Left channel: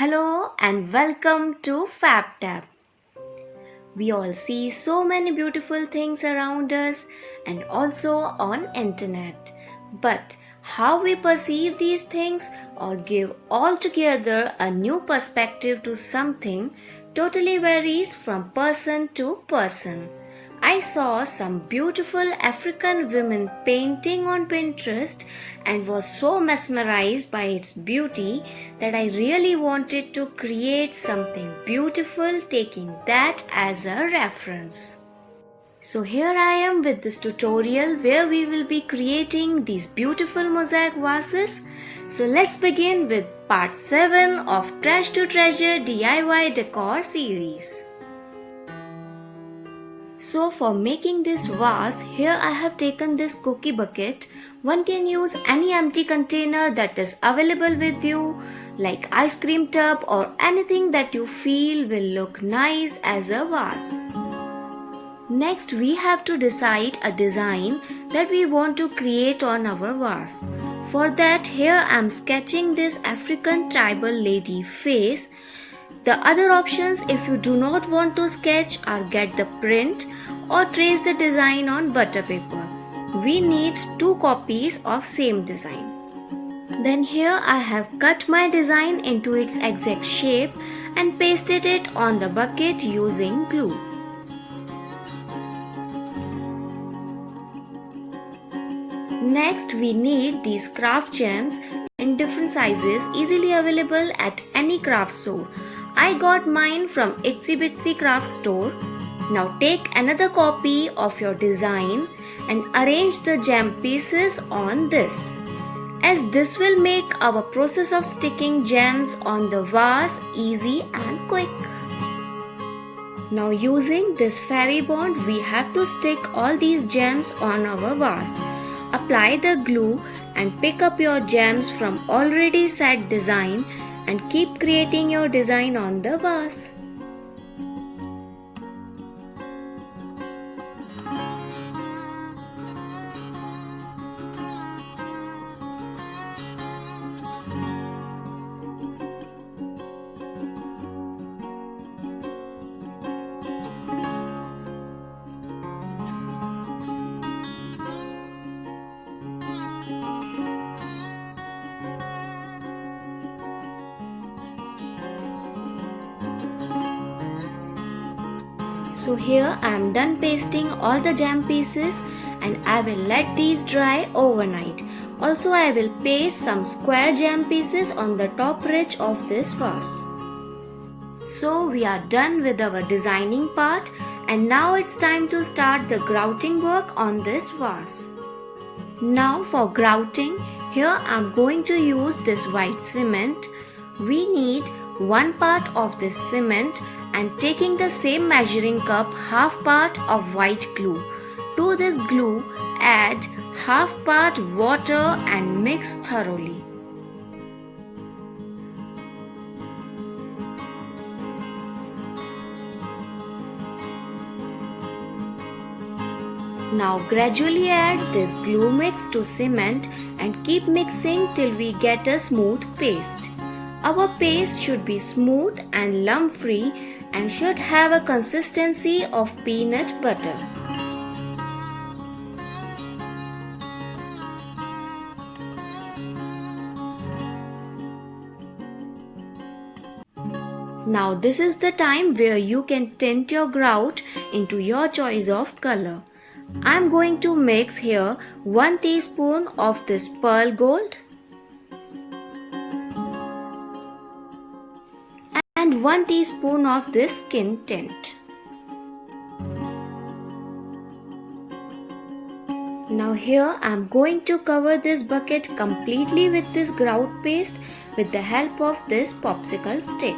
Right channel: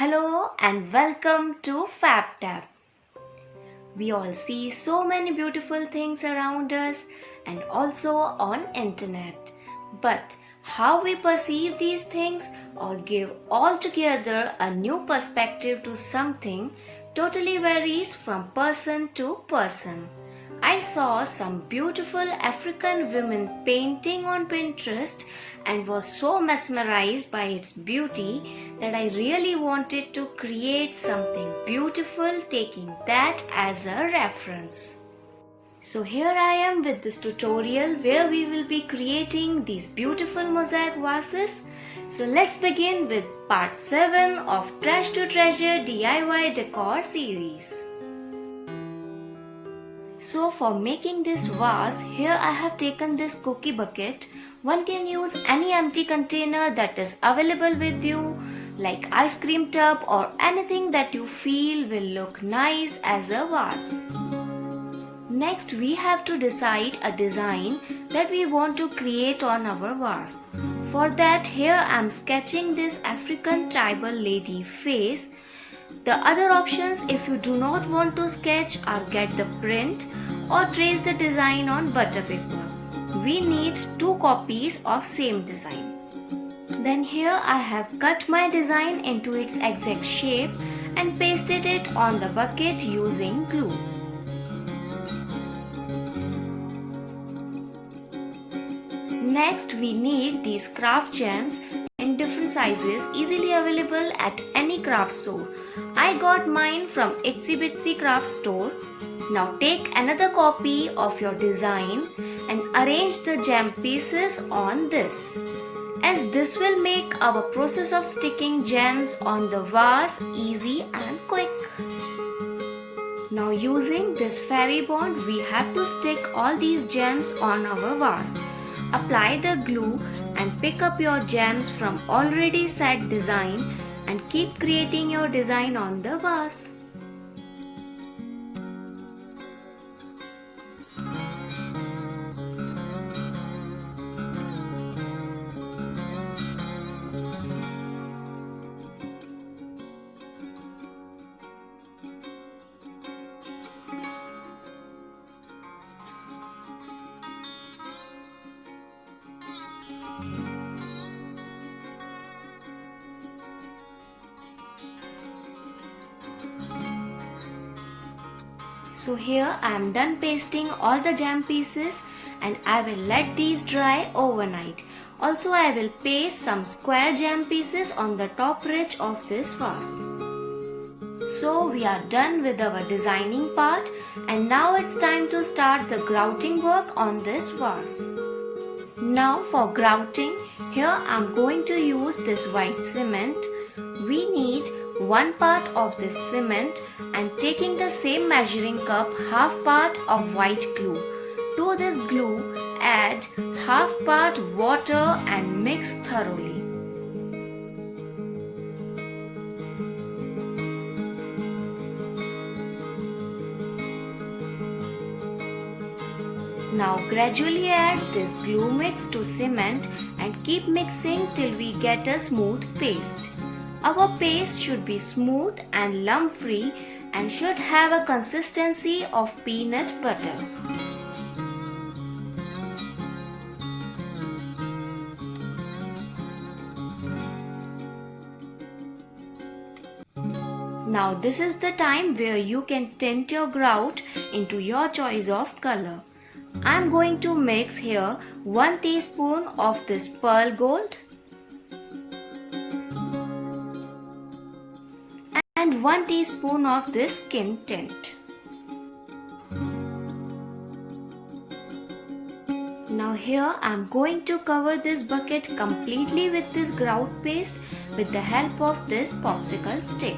Hello and welcome to FabTab. We all see so many beautiful things around us and also on internet. But how we perceive these things or give altogether a new perspective to something totally varies from person to person. I saw some beautiful African women painting on Pinterest and was so mesmerized by its beauty that I really wanted to create something beautiful taking that as a reference. So here I am with this tutorial where we will be creating these beautiful mosaic vases. So let's begin with part 7 of Trash to Treasure DIY Decor series. So for making this vase, here I have taken this cookie bucket. One can use any empty container that is available with you, like ice cream tub or anything that you feel will look nice as a vase. Next we have to decide a design that we want to create on our vase. For that, here I am sketching this African tribal lady face. The other options, if you do not want to sketch, are get the print or trace the design on butter paper. We need 2 copies of same design. Then here I have cut my design into its exact shape and pasted it on the bucket using glue. Next we need these craft gems in different sizes easily available at any craft store. I got mine from Itsy Bitsy Craft Store. Now take another copy of your design and arrange the gem pieces on this, as this will make our process of sticking gems on the vase easy and quick. Now using this fairy bond, we have to stick all these gems on our vase. Apply the glue and pick up your gems from already set design and keep creating your design on the vase. So here I am done pasting all the gem pieces and I will let these dry overnight. Also I will paste some square gem pieces on the top ridge of this vase. So we are done with our designing part and now it's time to start the grouting work on this vase. Now for grouting, here I am going to use this white cement. We need 1 part of this cement and taking the same measuring cup, half part of white glue. To this glue, add half part water and mix thoroughly. Now gradually add this glue mix to cement and keep mixing till we get a smooth paste. Our paste should be smooth and lump free and should have a consistency of peanut butter. Now this is the time where you can tint your grout into your choice of color. I am going to mix here 1 teaspoon of this pearl gold and 1 teaspoon of this skin tint. Now here I am going to cover this bucket completely with this grout paste with the help of this popsicle stick.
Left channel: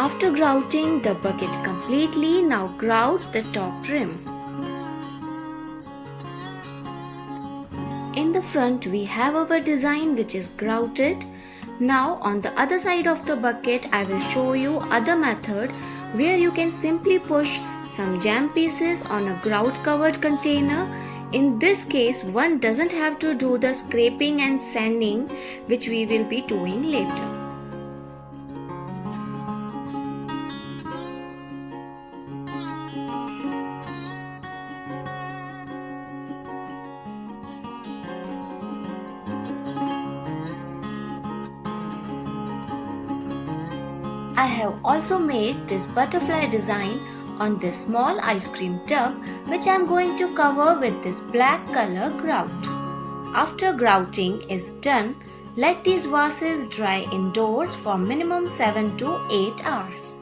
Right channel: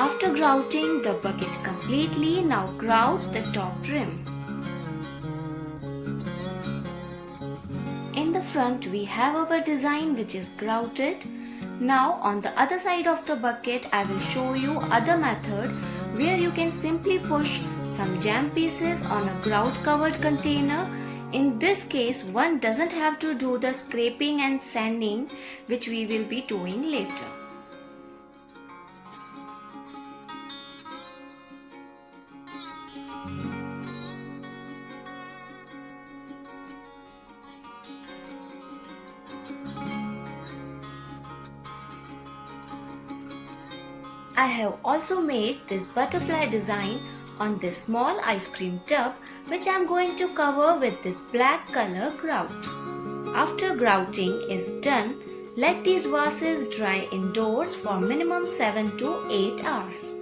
After grouting the bucket completely, now grout the top rim. In the front we have our design which is grouted. Now on the other side of the bucket I will show you other method where you can simply push some jam pieces on a grout covered container. In this case one doesn't have to do the scraping and sanding which we will be doing later. I have also made this butterfly design on this small ice cream tub which I am going to cover with this black color grout. After grouting is done, let these vases dry indoors for minimum 7 to 8 hours.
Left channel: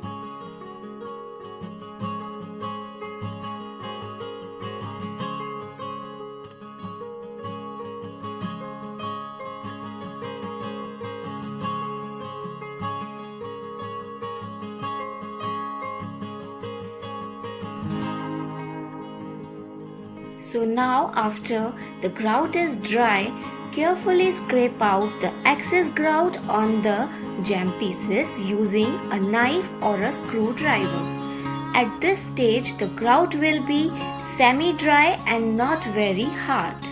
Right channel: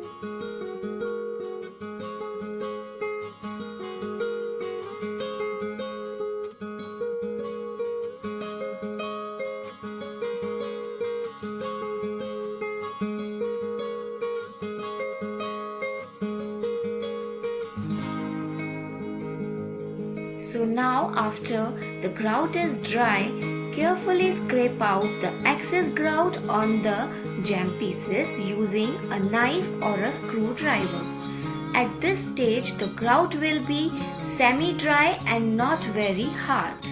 So now after the grout is dry, carefully scrape out the excess grout on the jam pieces using a knife or a screwdriver. At this stage the grout will be semi-dry and not very hard.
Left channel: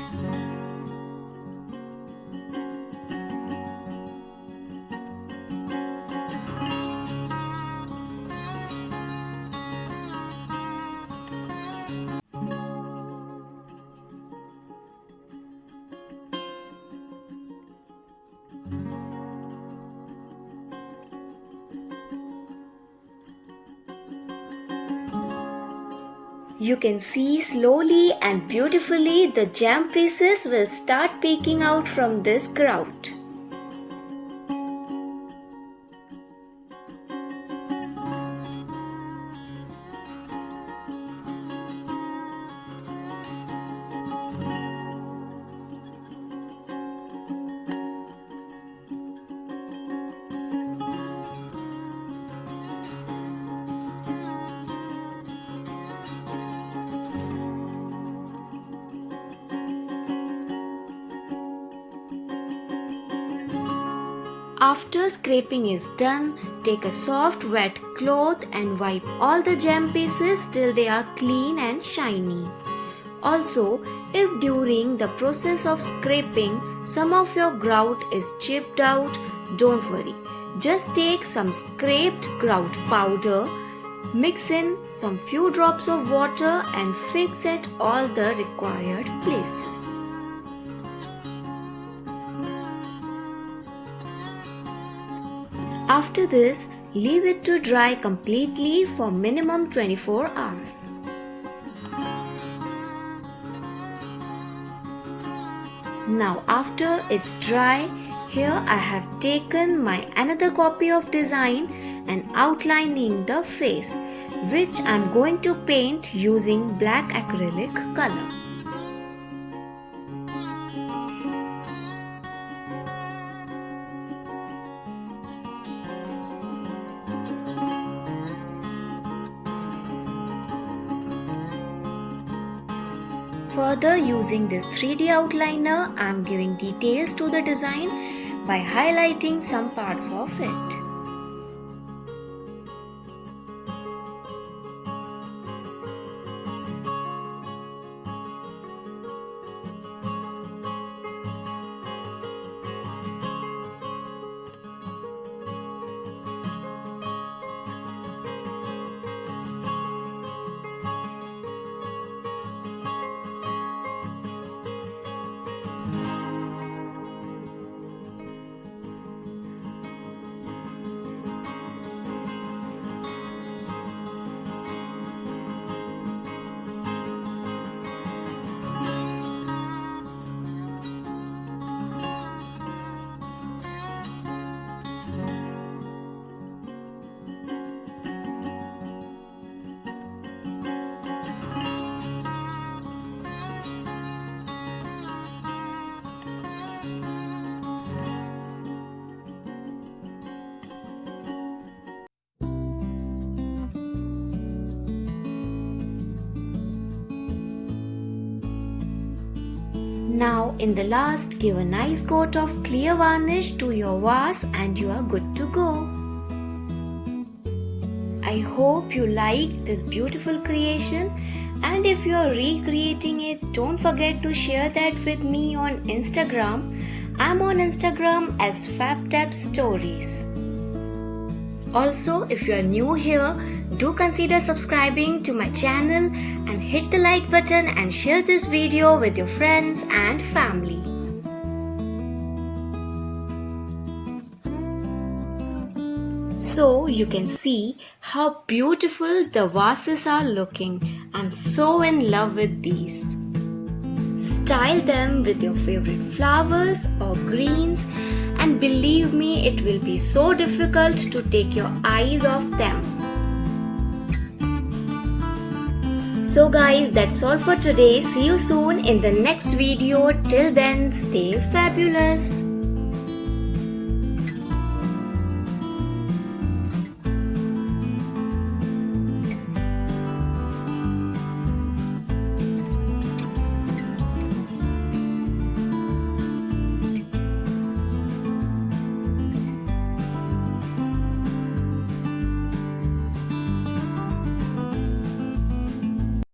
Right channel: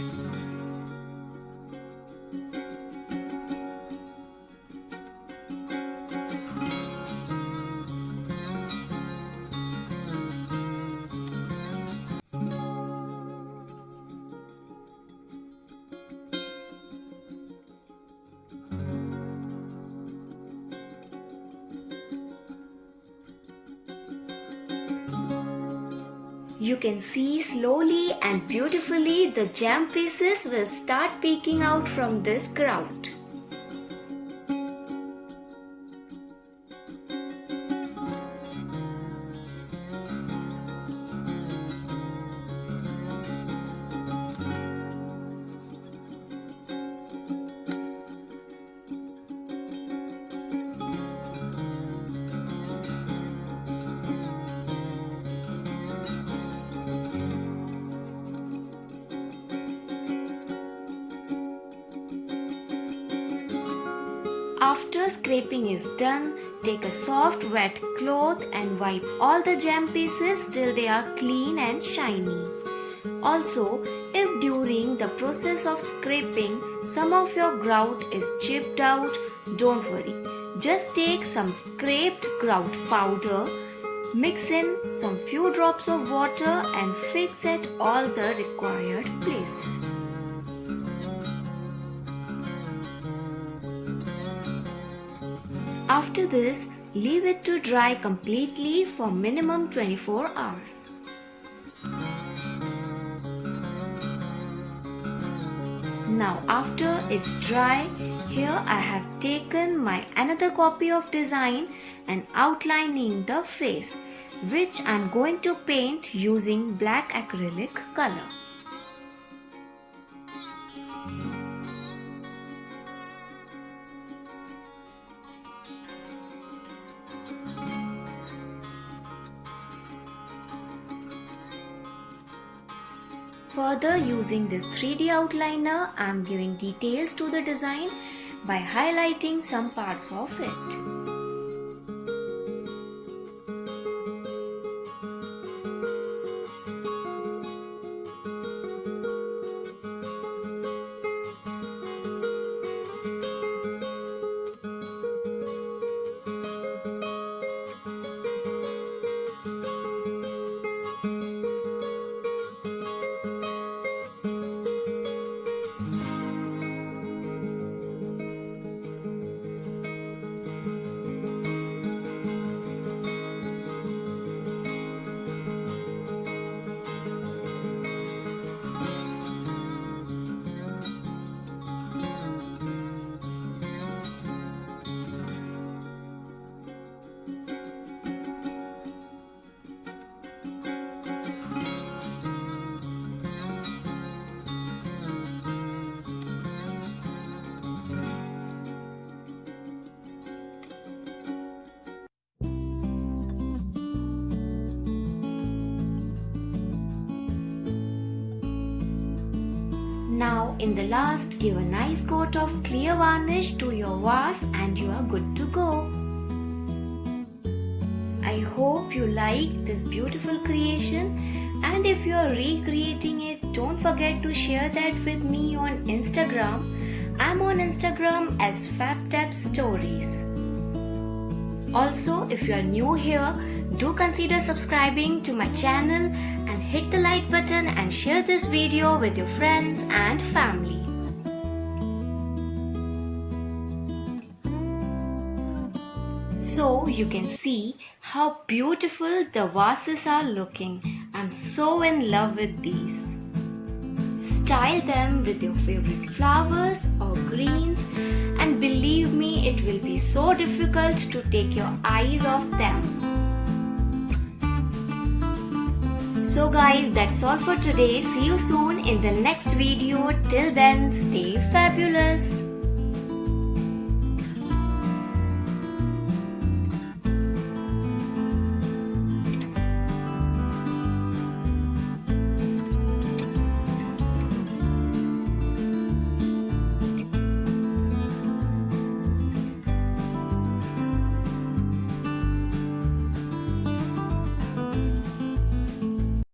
You can see slowly and beautifully the jam pieces will start peeking out from this grout. After scraping is done, take a soft wet cloth and wipe all the jam pieces till they are clean and shiny. Also, if during the process of scraping some of your grout is chipped out, don't worry. Just take some scraped grout powder, mix in some few drops of water and fix at all the required places. After this, leave it to dry completely for minimum 24 hours. Now after it's dry, here I have taken my another copy of design and outlining the face, which I am going to paint using black acrylic color. Further, using this 3D outliner, I am giving details to the design by highlighting some parts of it. Now in the last, give a nice coat of clear varnish to your vase and you are good to go. I hope you like this beautiful creation, and if you are recreating it, don't forget to share that with me on Instagram. I'm on Instagram as FabTab Stories. Also, if you are new here, do consider subscribing to my channel and hit the like button and share this video with your friends and family. So you can see how beautiful the vases are looking. I'm so in love with these. Style them with your favorite flowers or greens, and believe me, it will be so difficult to take your eyes off them. So guys, that's all for today. See you soon in the next video. Till then, stay fabulous.